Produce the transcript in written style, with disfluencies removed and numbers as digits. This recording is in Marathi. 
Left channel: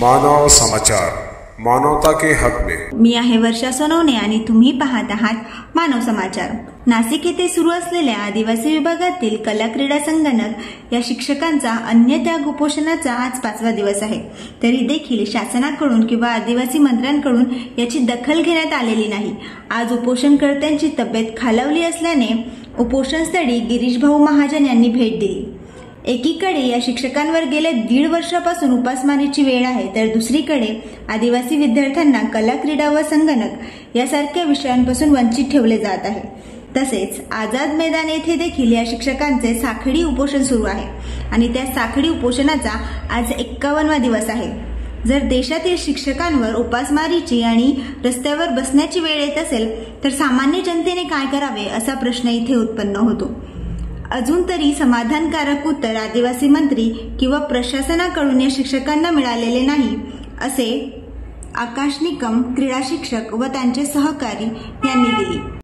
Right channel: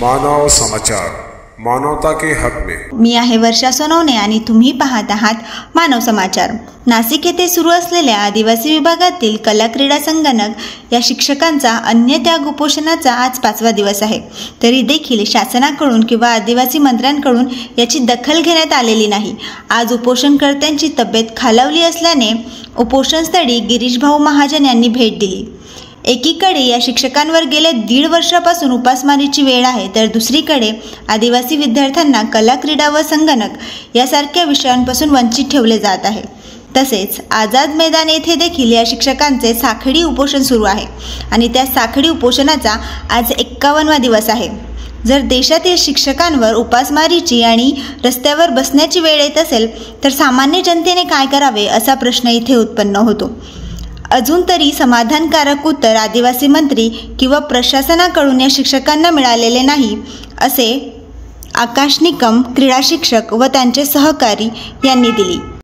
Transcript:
मानव समाचार, मानवता के हक में। मी आहे वर्षा सोनवणे आणि तुम्ही पाहत आहात मानव समाचार। नाशिक येथे सुरू असलेल्या आदिवासी विभागातील कला क्रीडा संगणक या शिक्षकांचा अन्य त्याग उपोषणाचा आज 5वा दिवस आहे। तरी देखील शासनाकडून किंवा आदिवासी मंत्र्यांकडून याची दखल घेण्यात आलेली नाही। आज उपोषणकर्त्यांची तब्येत खालावली असल्याने उपोषणस्थळी गिरीश भाऊ महाजन यांनी भेट दिली। एकीकडे या शिक्षकांवर गेल्या 1.5 वर्षापासून उपासमारीची वेळ आहे, तर दुसरीकडे आदिवासी विद्यार्थ्यांना कला क्रीडा व संगणक यासारख्या विषयांपासून वंचित ठेवले जात आहे। तसेच आझाद मैदान येथे देखील या शिक्षकांचे साखळी उपोषण सुरू आहे आणि त्या साखळी उपोषणाचा आज 51वा दिवस आहे। जर देशातील शिक्षकांवर उपासमारीची आणि रस्त्यावर बसण्याची वेळ येत असेल तर सामान्य जनतेने काय करावे असा प्रश्न इथे उत्पन्न होतो। अजून तरी समाधानकारक उत्तर आदिवासी मंत्री किंवा प्रशासनाकडून या शिक्षकांना मिळालेले नाही, असे आकाश निकम क्रीडा शिक्षक व त्यांचे सहकारी यांनी दिली।